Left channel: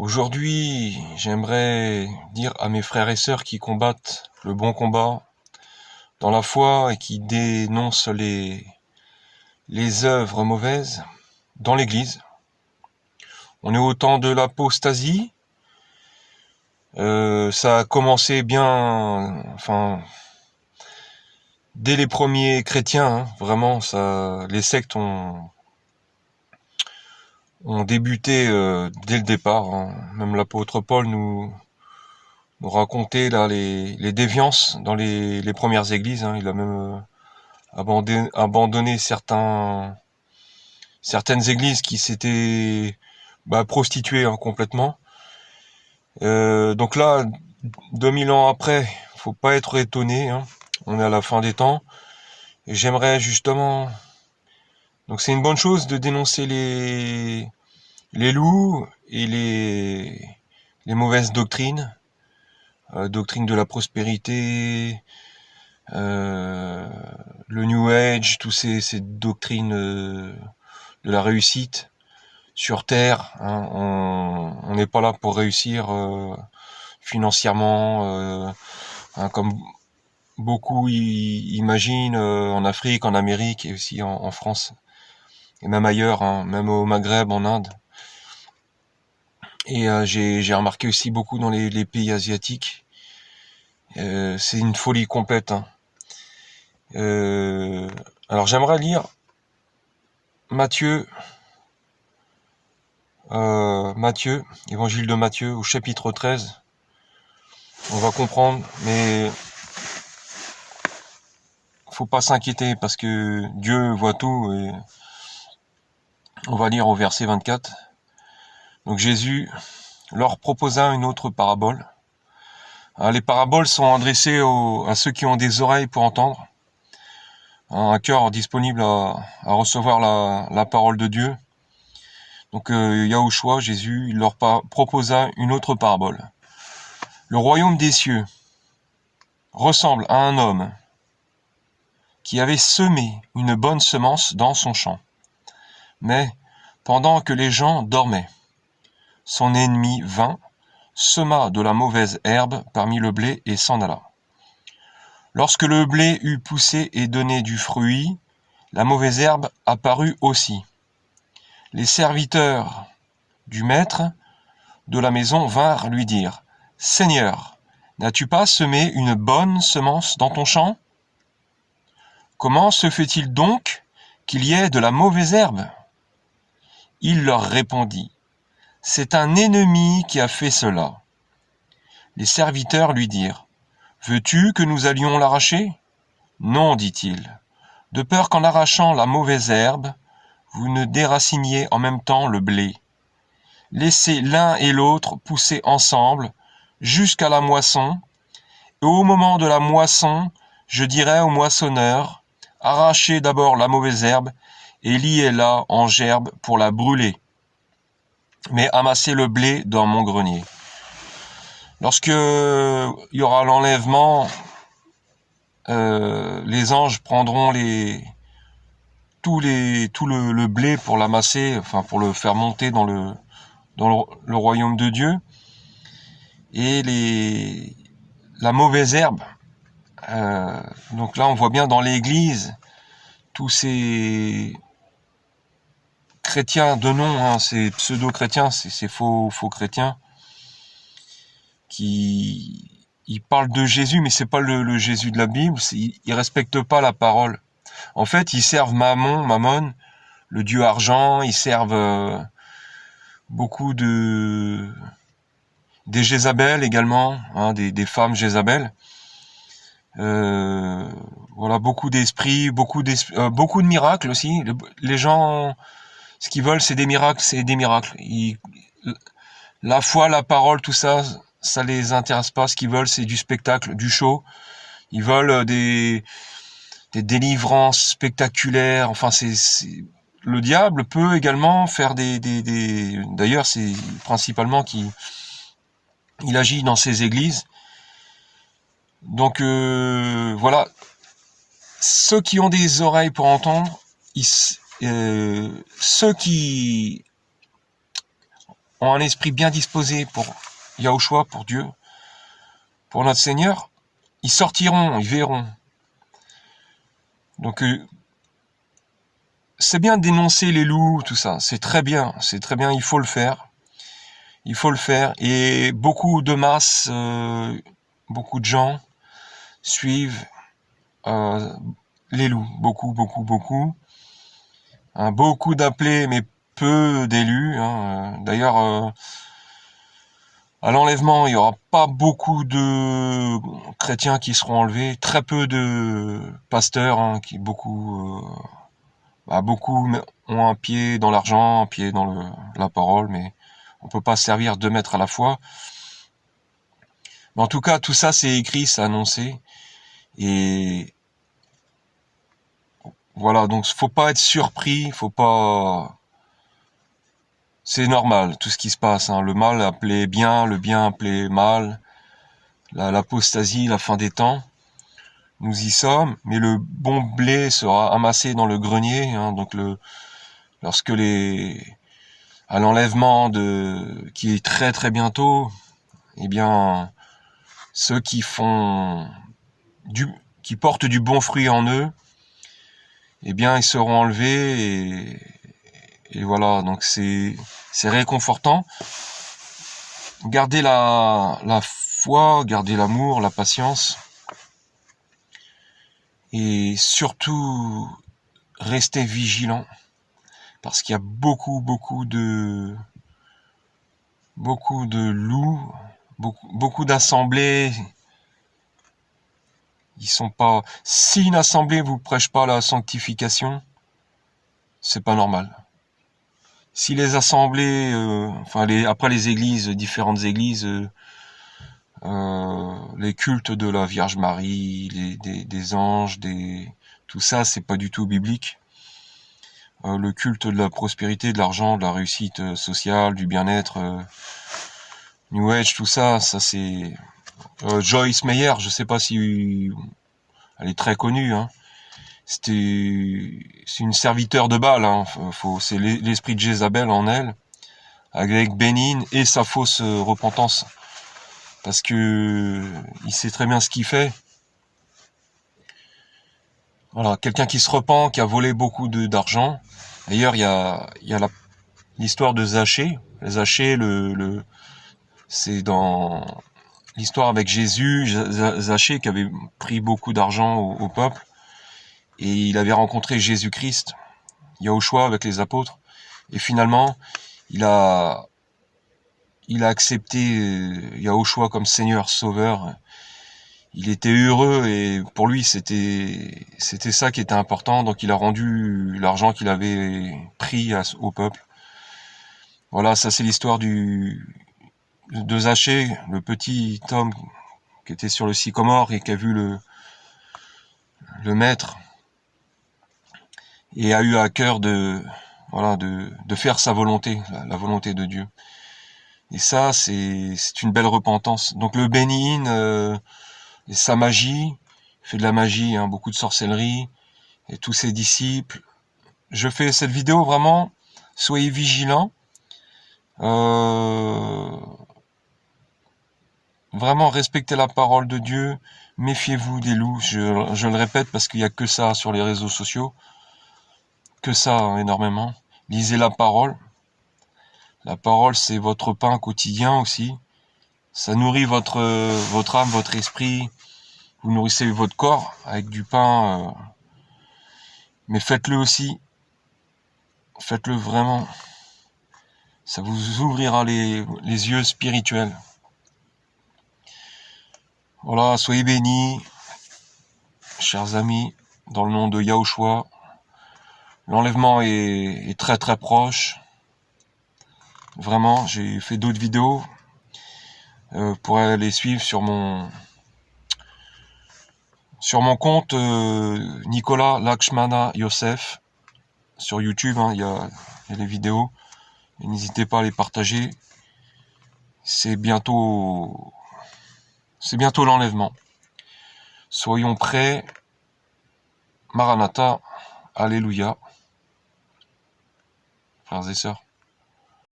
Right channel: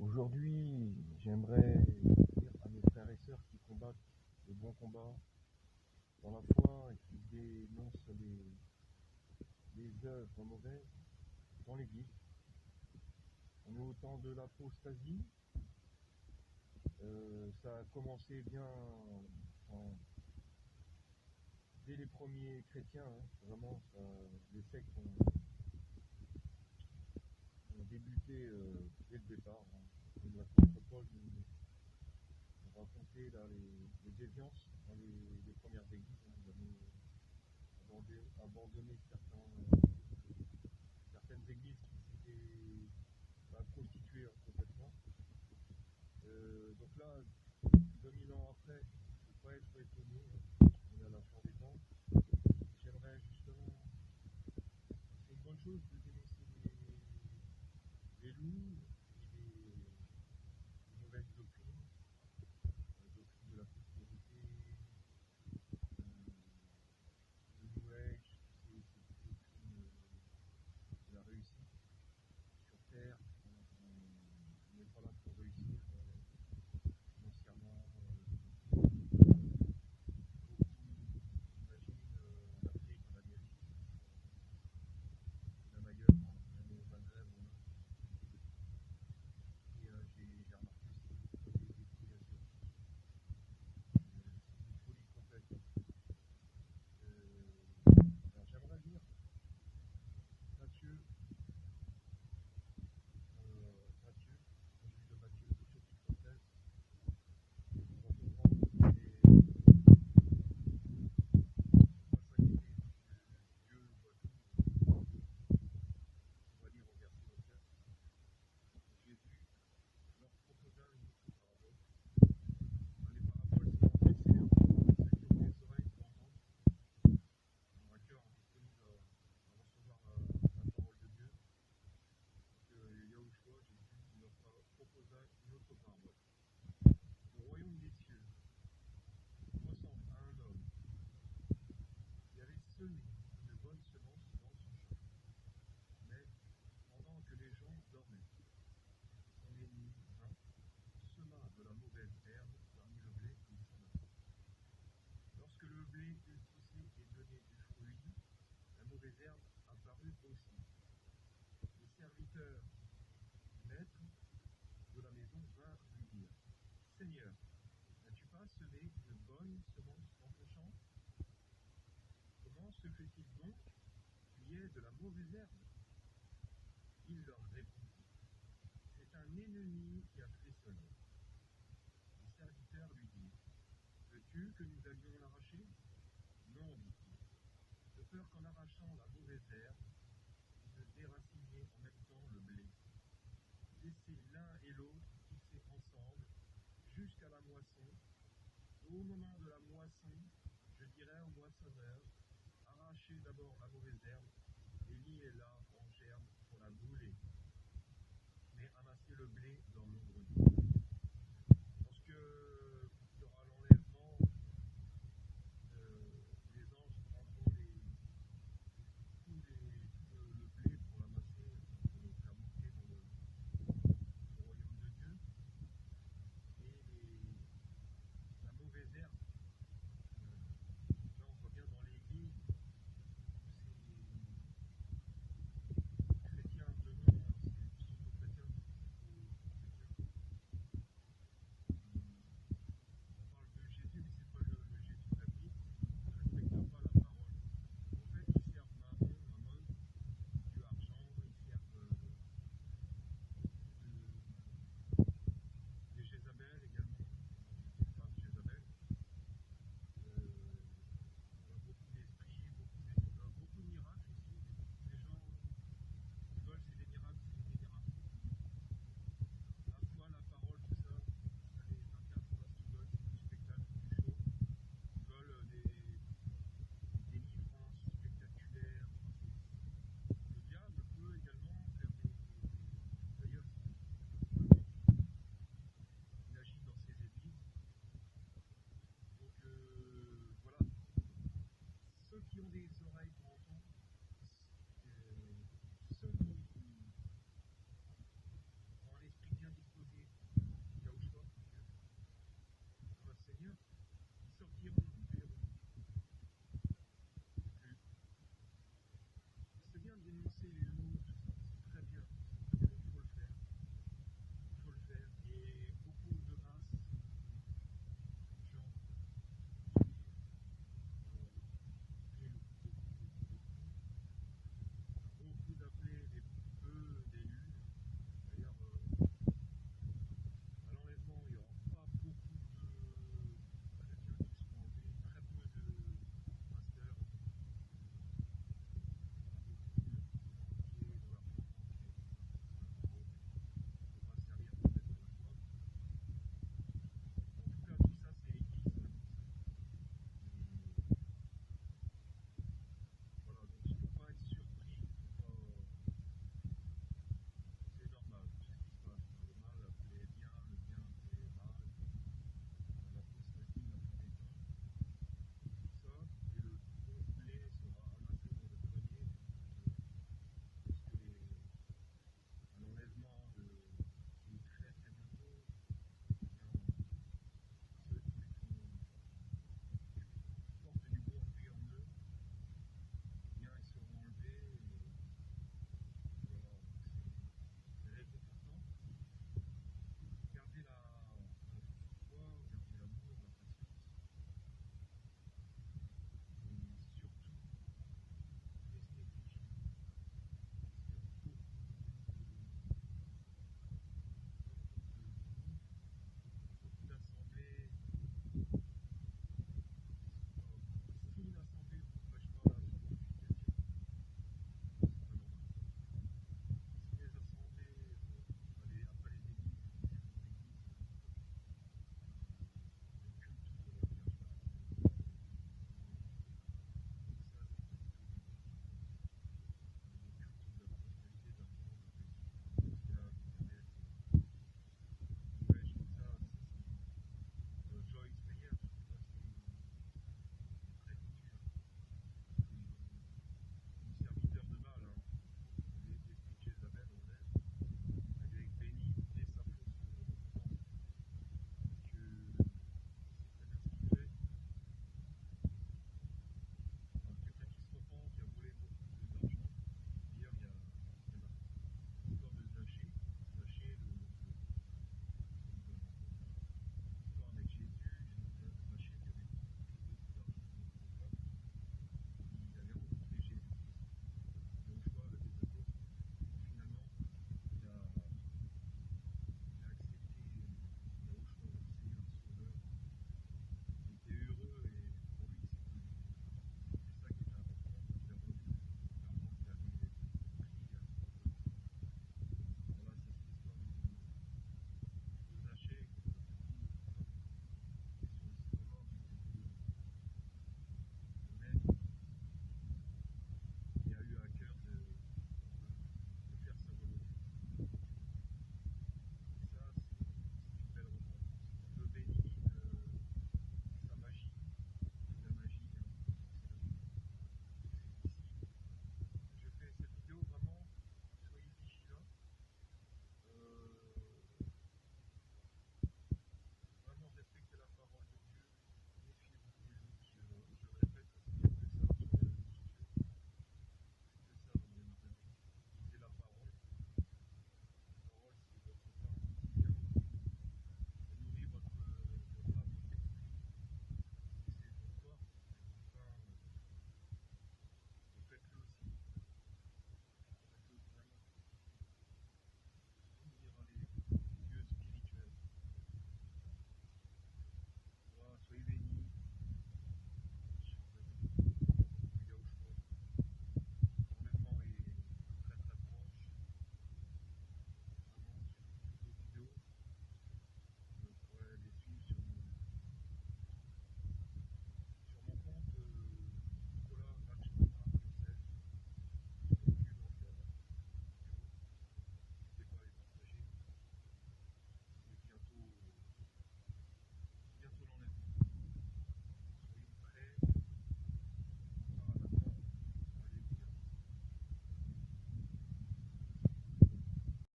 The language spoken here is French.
Aujourd'hui, j'aimerais dire à mes frères et sœurs qui combattent le bon combat dans la foi et qui dénoncent les œuvres mauvaises dans l'Église. On est au temps de l'apostasie. Ça a commencé bien, dès les premiers chrétiens, hein, vraiment, les sectes ont débuté dès le départ, hein. Même l'apôtre Paul nous racontait là les déviances dans les premières églises, hein. Il a même abandonné certaines églises qui s'étaient prostituées, hein, complètement. Donc là, 2000 ans après, faut pas être étonné, hein. On est à la fin des temps. Et j'aimerais justement... Donc c'est une bonne chose de dénoncer les loups et les mauvaises doctrines. Doctrine de la prospérité, le New Age, toutes ces doctrines de la réussite sur Terre, hein. On n'est pas là pour réussir financièrement, hein, comme beaucoup imaginent, en Afrique, en Amérique et aussi en France, et même ailleurs, hein, même au Maghreb, en Inde. Et j'ai remarqué aussi beaucoup dans les pays asiatiques. C'est une folie complète, hein. Alors j'aimerais lire Matthieu, évangile de Matthieu, au chapitre 13. On va comprendre, mais faut pas s'inquiéter parce que Dieu voit tout. Et on va lire au verset 24. Donc Jésus leur proposa une autre parabole. Les paraboles sont adressées à ceux qui ont des oreilles pour entendre, un cœur disponible à recevoir la parole de Dieu. Donc Yahushua, Jésus, il leur proposa une autre parabole. Le royaume des cieux ressemble à un homme qui avait semé une bonne semence dans son champ. Mais pendant que les gens dormaient, son ennemi vint, sema de la mauvaise herbe parmi le blé et s'en alla. Lorsque le blé eut poussé et donné du fruit, la mauvaise herbe apparut aussi. Les serviteurs du maître de la maison vinrent lui dire : « Seigneur, n'as-tu pas semé une bonne semence dans ton champ ? Comment se fait-il donc qu'il y ait de la mauvaise herbe ? » Il leur répondit : « C'est un ennemi qui a fait cela. » Les serviteurs lui dirent : « Veux-tu que nous allions l'arracher ? » « Non, dit-il, de peur qu'en arrachant la mauvaise herbe, vous ne déraciniez en même temps le blé. Laissez l'un et l'autre pousser ensemble jusqu'à la moisson, et au moment de la moisson, je dirai au moissonneur : arrachez d'abord la mauvaise herbe et liez-la en gerbe pour la brûler, mais amassez le blé dans mon grenier. Lorsque il y aura l'enlèvement, les anges prendront tout le blé pour l'amasser, pour le faire monter dans le royaume de Dieu, et la mauvaise herbe. Donc là, on voit bien dans l'Église tous ces chrétiens de nom, hein, ces pseudo-chrétiens, ces faux chrétiens, qui ils parlent de Jésus, mais c'est pas le Jésus de la Bible. Ils respectent pas la parole. En fait, ils servent Mammon, le dieu argent. Ils servent beaucoup des Jézabel également, hein, des femmes Jézabel. Voilà, beaucoup d'esprits, beaucoup de miracles aussi. Les gens, ce qu'ils veulent, c'est des miracles, la foi, la parole, tout ça, ça les intéresse pas. Ce qu'ils veulent, c'est du spectacle, du show. Ils veulent des délivrances spectaculaires. Enfin, le diable peut également faire D'ailleurs, c'est principalement qu'il agit dans ces églises. Donc voilà, ceux qui ont des oreilles pour entendre, ceux qui ont un esprit bien disposé pour Yahushua, pour Dieu, pour notre Seigneur, ils sortiront, ils verront. Donc c'est bien de dénoncer les loups, tout ça, c'est très bien, il faut le faire. Il faut le faire. Et beaucoup de masses, beaucoup de gens suivent les loups. Beaucoup, beaucoup, beaucoup. Hein, beaucoup d'appelés, mais peu d'élus. Hein. D'ailleurs, à l'enlèvement, il n'y aura pas beaucoup de chrétiens qui seront enlevés. Très peu de pasteurs, hein, qui beaucoup ont un pied dans l'argent, un pied dans la parole, mais on ne peut pas servir 2 mètres à la fois. Mais en tout cas, tout ça, c'est écrit, c'est annoncé. Et voilà, donc faut pas être surpris, faut pas... C'est normal, tout ce qui se passe. Hein. Le mal appelé bien, le bien appelé mal, l'apostasie, la fin des temps. Nous y sommes, mais le bon blé sera amassé dans le grenier. Hein, donc lorsque à l'enlèvement qui est très très bientôt, eh bien, ceux qui portent du bon fruit en eux, eh bien, ils seront enlevés et voilà. Donc c'est réconfortant. Gardez la foi, gardez l'amour, la patience, et surtout restez vigilants, parce qu'il y a beaucoup de loups, beaucoup d'assemblées. Ils sont pas. Si une assemblée vous prêche pas la sanctification, c'est pas normal. Si les assemblées, après les églises, différentes églises, les cultes de la Vierge Marie, des anges, tout ça, c'est pas du tout biblique. Le culte de la prospérité, de l'argent, de la réussite sociale, du bien-être, New Age, tout ça, c'est Joyce Meyer, je sais pas si elle est très connue, hein. C'est une serviteur de Baal, hein. C'est l'esprit de Jézabel en elle, avec Bénin et sa fausse repentance, parce que il sait très bien ce qu'il fait. Voilà, quelqu'un qui se repent, qui a volé beaucoup d'argent. D'ailleurs, il y a l'histoire de Zachée. Zachée, c'est dans l'histoire avec Jésus, Zachée qui avait pris beaucoup d'argent au peuple, et il avait rencontré Jésus-Christ, Yahushua avec les apôtres, et finalement il a accepté Yahushua comme Seigneur Sauveur. Il était heureux, et pour lui c'était ça qui était important, donc il a rendu l'argent qu'il avait pris au peuple. Voilà, ça c'est l'histoire de Zachée, le petit homme qui était sur le sycomore et qui a vu le maître, et a eu à cœur de faire sa volonté, la volonté de Dieu. Et ça, c'est une belle repentance. Donc le Bénin, sa magie, il fait de la magie, hein, beaucoup de sorcellerie, et tous ses disciples. Je fais cette vidéo vraiment, soyez vigilants. Vraiment respectez la parole de Dieu, méfiez-vous des loups, je le répète parce qu'il n'y a que ça sur les réseaux sociaux, que ça, hein, énormément. Lisez la parole. La parole, c'est votre pain quotidien aussi. Ça nourrit votre âme, votre esprit. Vous nourrissez votre corps avec du pain. Mais faites-le aussi. Faites-le vraiment. Ça vous ouvrira les yeux spirituels. Voilà, soyez bénis, chers amis, dans le nom de Yahushua. L'enlèvement est très très proche. Vraiment, j'ai fait d'autres vidéos. Vous pourrez les suivre sur mon compte Nicolas Lakshmana Yosef sur YouTube, hein, il y a les vidéos. N'hésitez pas à les partager. C'est bientôt l'enlèvement. Soyons prêts. Maranatha, Alléluia, frères et sœurs.